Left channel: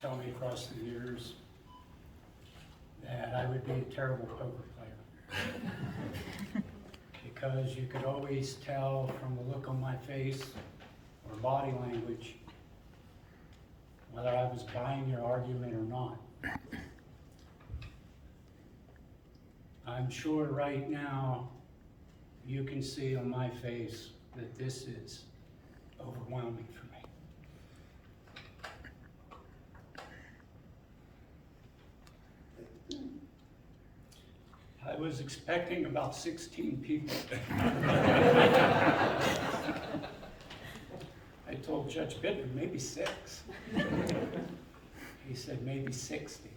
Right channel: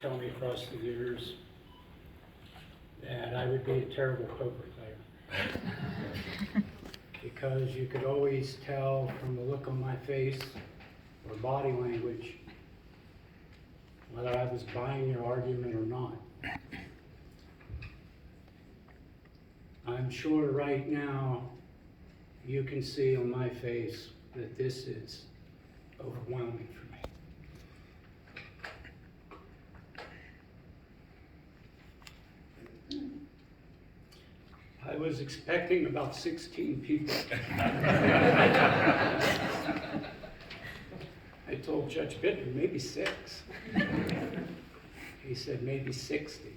Tell me across the years that I would be a terrible poker player. Because you could always tell from the look on my face or body language whether I was buying your argument or not. I'm sure right now you can see on my face that this is overwhelming for me. I was expecting about 16 people. I told Judge Bittner, maybe 6. He said maybe 60.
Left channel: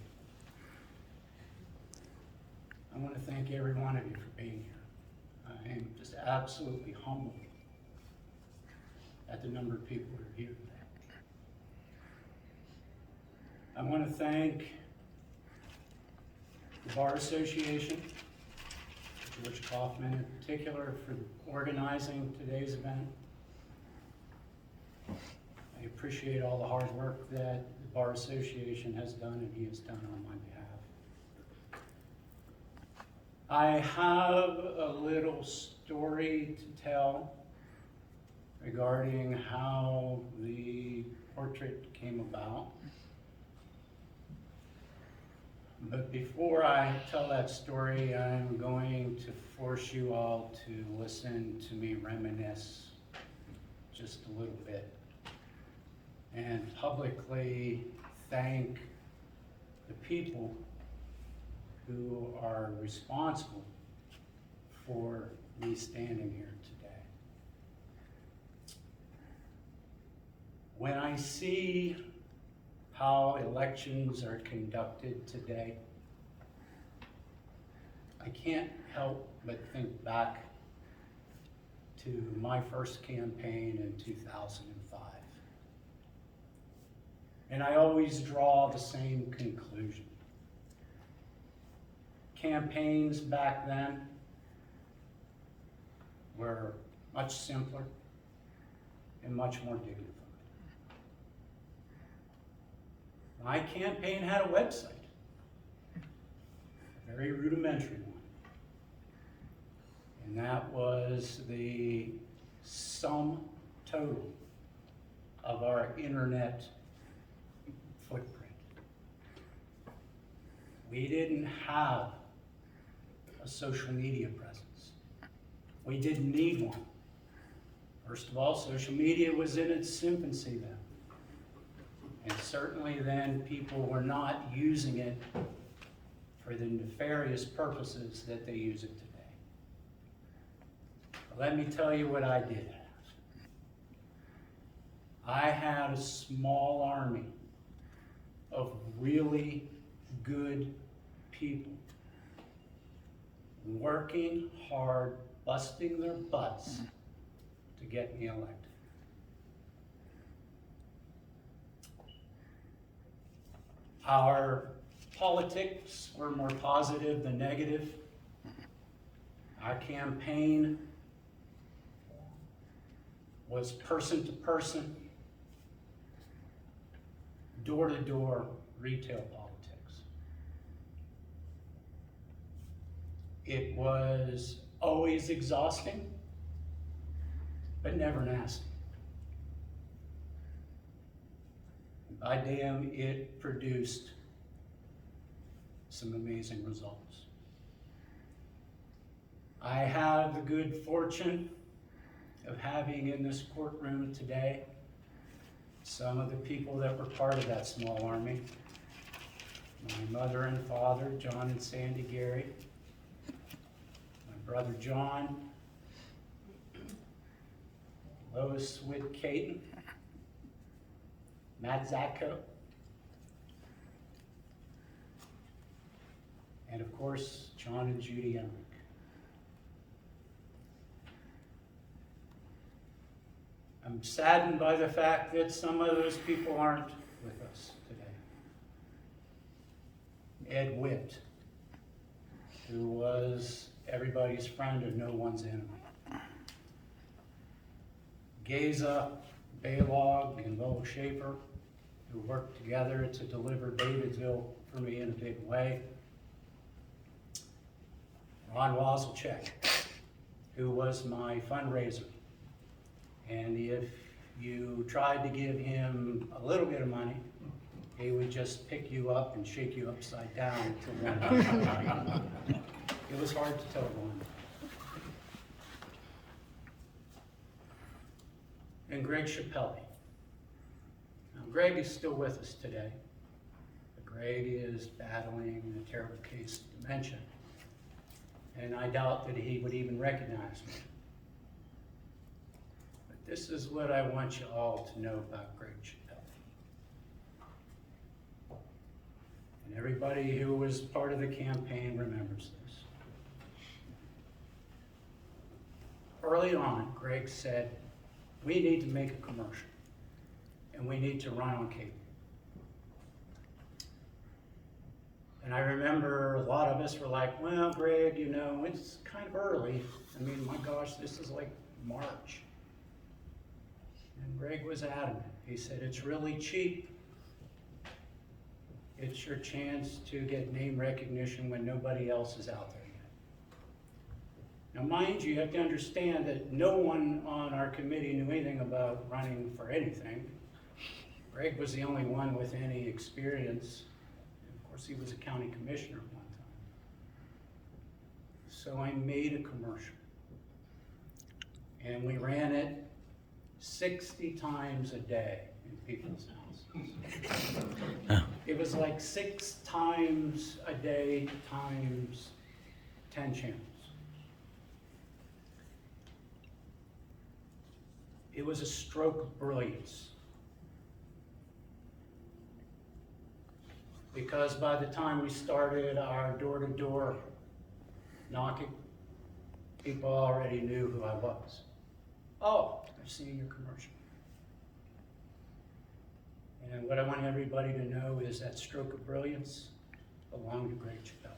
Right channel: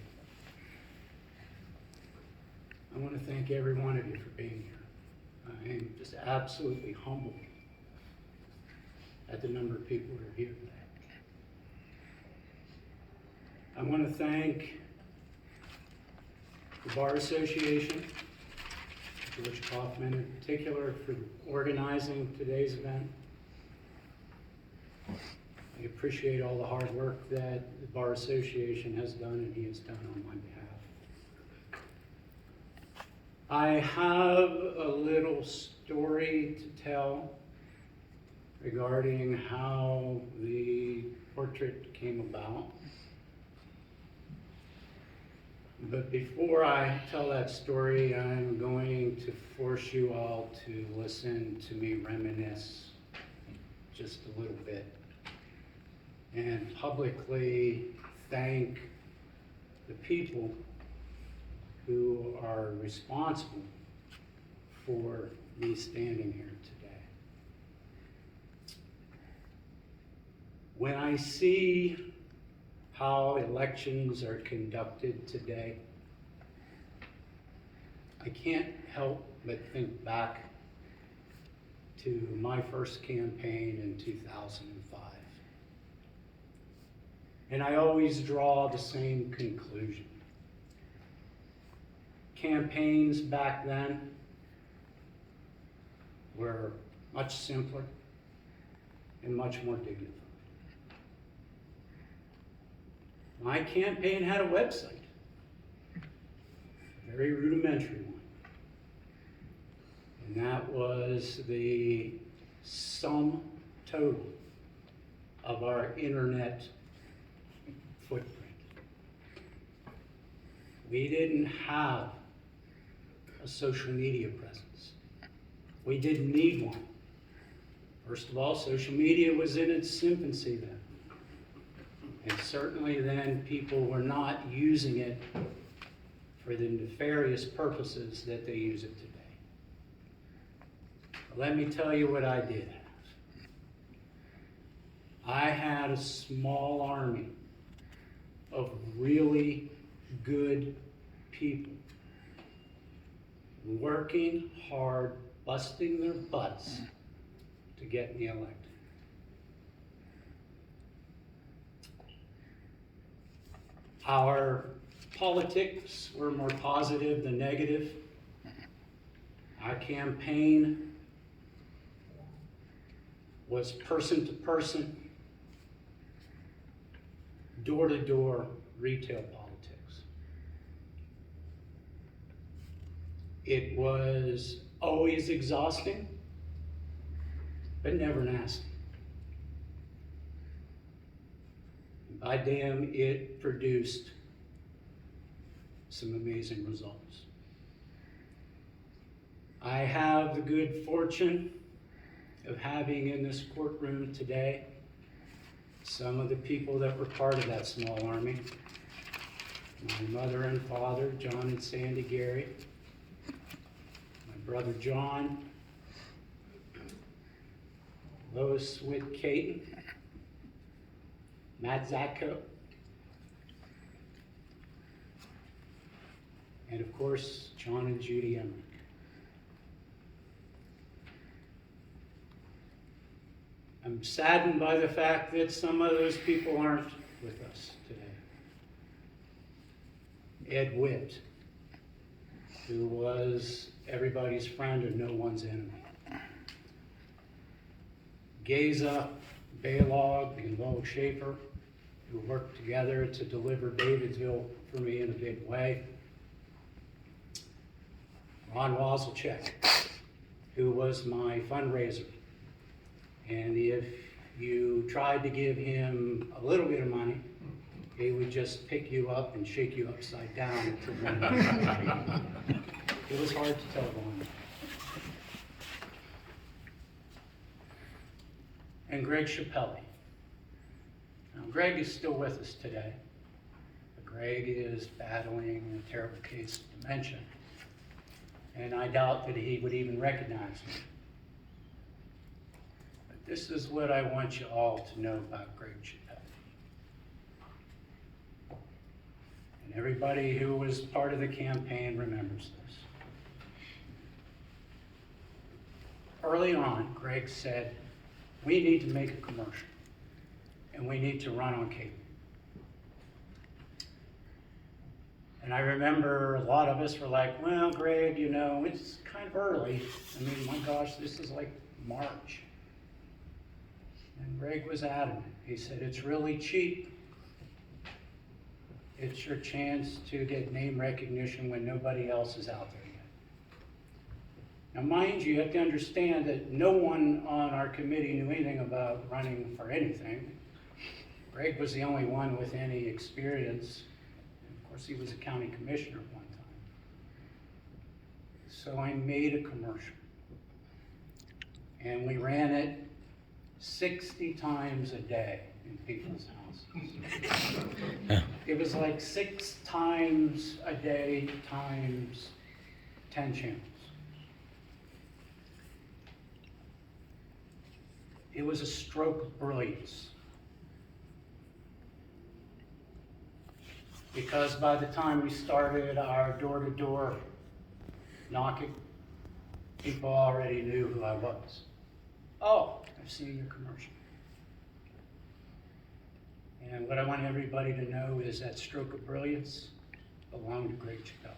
I want to thank every one of you for being here. I am just absolutely humbled at the number of people who are here today. I want to thank the Bar Association, George Kaufman in particular, for organizing today's event. I appreciate all the hard work that the Bar Association has done and he has done on my behalf. I have a little story to tell regarding how the portrait came about. But before I tell that story, I'm going to force you all to listen to me reminisce just a little bit and publicly thank the people who are responsible for me standing here today. When I see how elections are conducted today, I can't help but think back to my first campaign in 2005. And I always draw the same conclusion. Campaigns back then were much simpler and much more dignified. My campaign had a website, a very rudimentary one. And that was the sum total of our internet footprint. We didn't have a social media presence. We didn't need one. First of all, social media was in its infancy then. And certainly then people were not using it for the nefarious purposes that they use it today. But let me tell you what I did have. I had a small army of really good people working hard, busting their butts to get me elected. Our politics were more positive than negative. Our campaign was person to person, door to door retail politics. It was always exhausting, but never nasty. By damn, it produced some amazing results. I have the good fortune of having in this courtroom today some of the people that were part of that small army. My mother and father, John and Sandy Gary, my brother John, Lois Witt Caton, Matt Zacko, and of course, John and Judy Emmerich. I'm saddened by the fact that some of those people aren't with us today. Ed Witt, who was everybody's friend and no one's enemy. Geza, Baylog, and Bo Schaefer, who worked together to deliver Davidsville for me in a big way. Ron Wazelchek, who was my fundraiser. And if you tried to give him a little bit of money, he would just pick you up and shake you upside down. It was hard to tell Ron. And Greg Chappelli. Now, Greg is still with us today. But Greg is battling a terrible case of dementia. And I doubt that he would even recognize me. But this is what I want you all to know about Greg Chappelli. And everybody who was part of the campaign remembers this. Early on, Greg said, we need to make a commercial, and we need to run on cable. And I remember a lot of us were like, well, Greg, you know, it's kind of early. I mean, my gosh, this is like March. And Greg was adamant. He said, it's really cheap. It's your chance to get name recognition when nobody else is out there yet. Now, mind you have to understand that no one on our committee knew anything about running for anything. Greg was the only one with any experience. Of course, he was a county commissioner at one time. So I made a commercial. And we ran it 60 times a day in people's houses. It was like 6 times a day times 10 channels. It was a stroke of brilliance. Because by the time we started our door-to-door knocking, people already knew who I was. Oh, I've seen your commercial. And what I want everybody to know is that stroke of brilliance belonged to Greg Chappelli.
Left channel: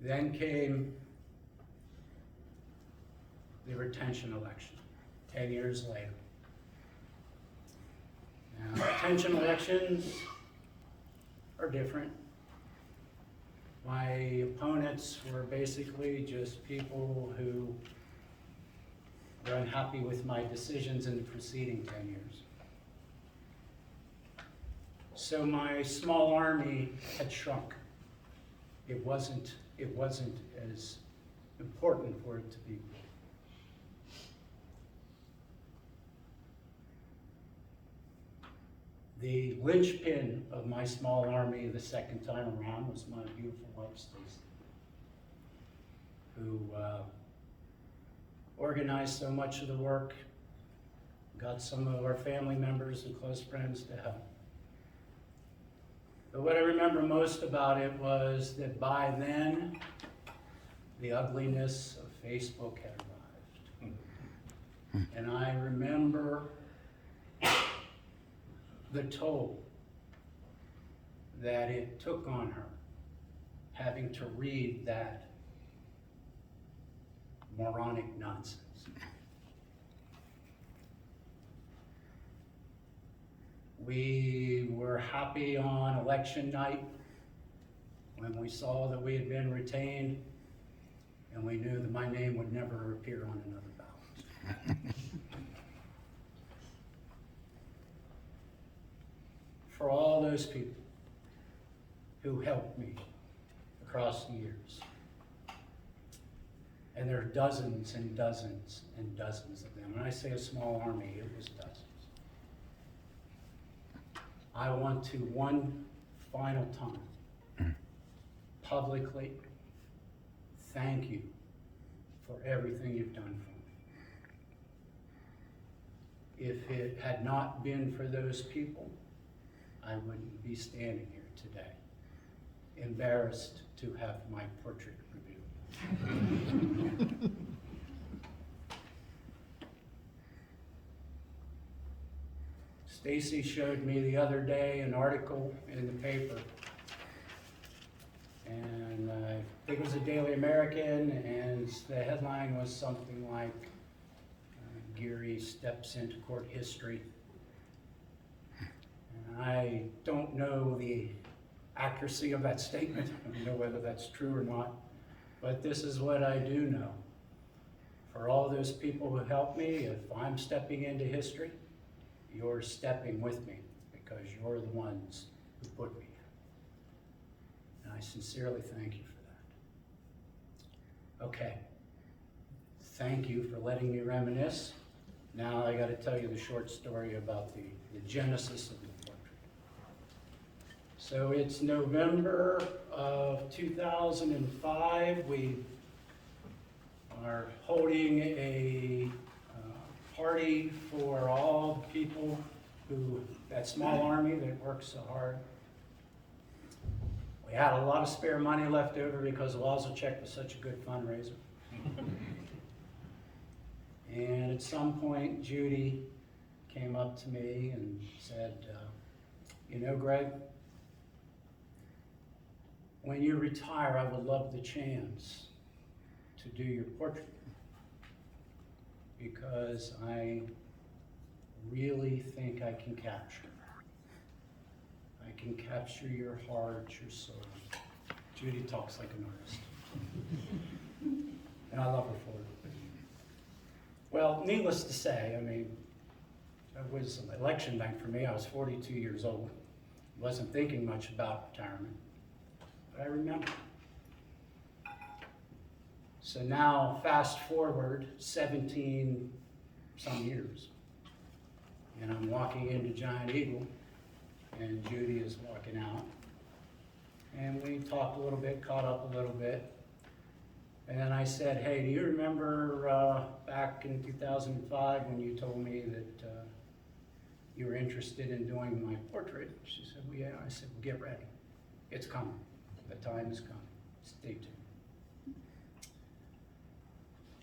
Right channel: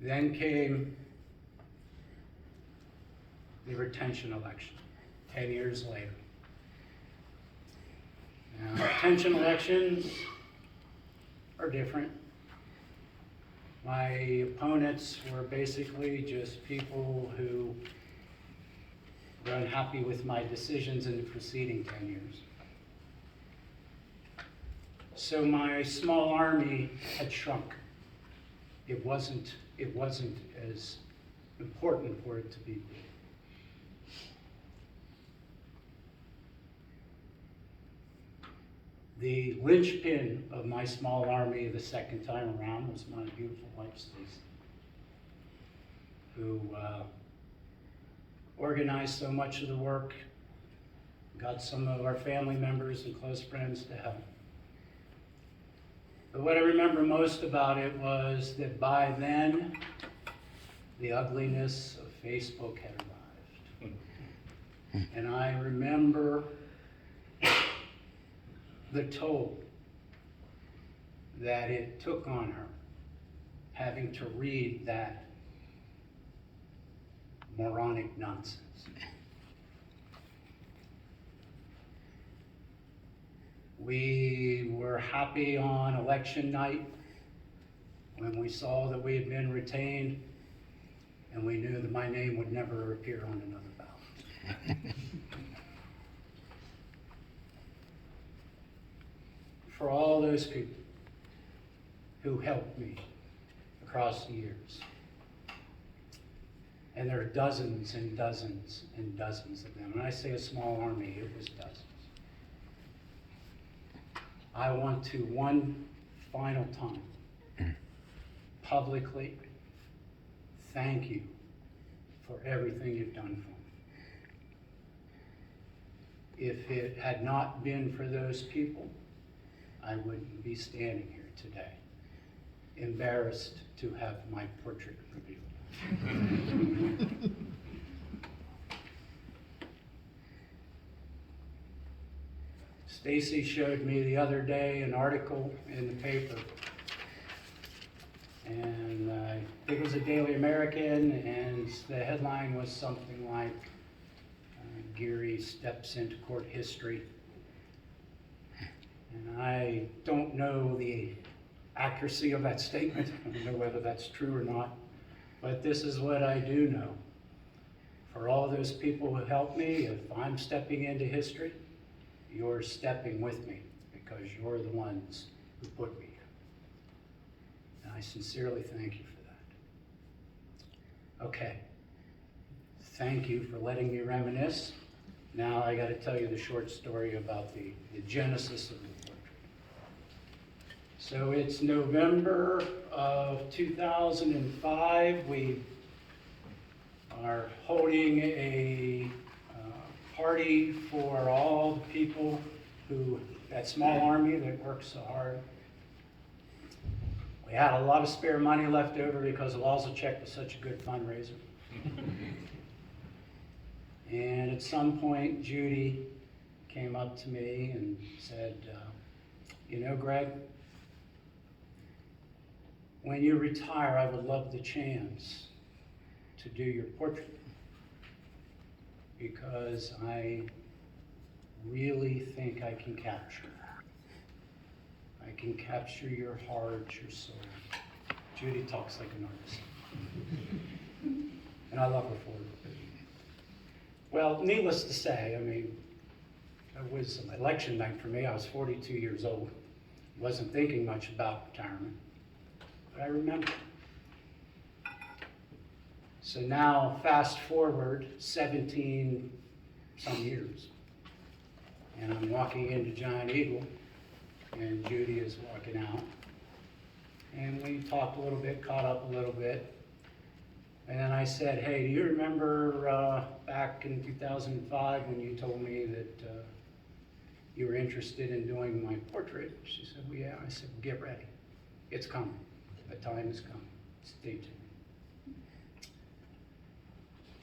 Then came the retention election, 10 years later. Now, retention elections are different. My opponents were basically just people who were unhappy with my decisions in the preceding 10 years. So my small army had shrunk. It wasn't as important for it to be. The linchpin of my small army the second time around was my beautiful wife, Stacy, who organized so much of the work, got some of our family members and close friends to help. But what I remember most about it was that by then, the ugliness of Facebook had arrived. And I remember the toll that it took on her, having to read that moronic nonsense. We were happy on election night when we saw that we had been retained, and we knew that my name would never appear on another ballot. For all those people who helped me across the years, and there are dozens and dozens and dozens of them. When I say a small army, it was dozens. I want to one final time publicly thank you for everything you've done for me. If it had not been for those people, I wouldn't be standing here today, embarrassed to have my portrait revealed. Stacy showed me the other day an article in the paper, and I think it was a Daily American, and the headline was something like, Geary steps into court history. And I don't know the accuracy of that statement. I don't know whether that's true or not, but this is what I do know. For all those people who helped me, if I'm stepping into history, you're stepping with me because you're the ones who put me here. And I sincerely thank you for that. Okay. Thank you for letting me reminisce. Now I got to tell you the short story about the genesis of the portrait. So it's November of 2005. We are holding a party for all the people who, that small army that works so hard. We had a lot of spare money left over because Lazarchek was such a good fundraiser. And at some point, Judy came up to me and said, you know, Greg, when you retire, I would love the chance to do your portrait because I really think I can capture. I can capture your heart, your soul. Judy talks like an artist. And I love her for it. Well, needless to say, I mean, it was an election night for me. I was 42 years old. Wasn't thinking much about retirement, but I remember. So now, fast forward 17 some years, and I'm walking into Giant Eagle, and Judy is walking out, and we talked a little bit, caught up a little bit. And then I said, hey, do you remember back in 2005 when you told me that you were interested in doing my portrait? She said, well, yeah. I said, well, get ready. It's coming. The time is coming. Stay tuned.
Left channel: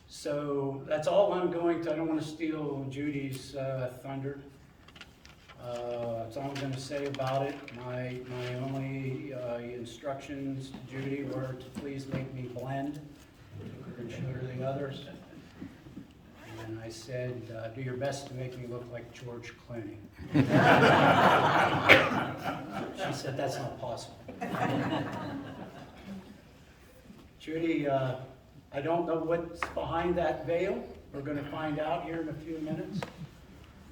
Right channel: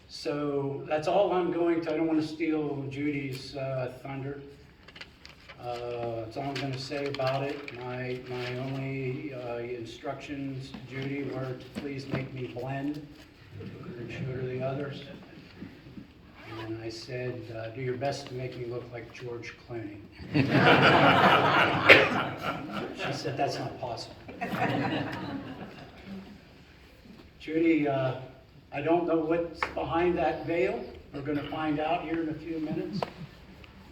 So that's all I'm going to. I don't want to steal Judy's thunder. That's all I'm going to say about it. My only instructions to Judy were to please make me blend and show her the others. And I said, do your best to make me look like George Clooney. She said, that's not possible. Judy, I don't know what's behind that veil. We're going to find out here in a few minutes.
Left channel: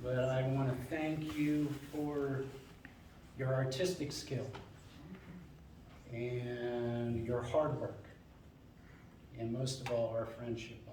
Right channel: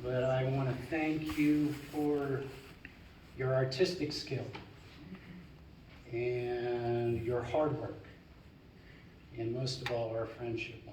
But I want to thank you for your artistic skill and your hard work, and most of all, our friendship.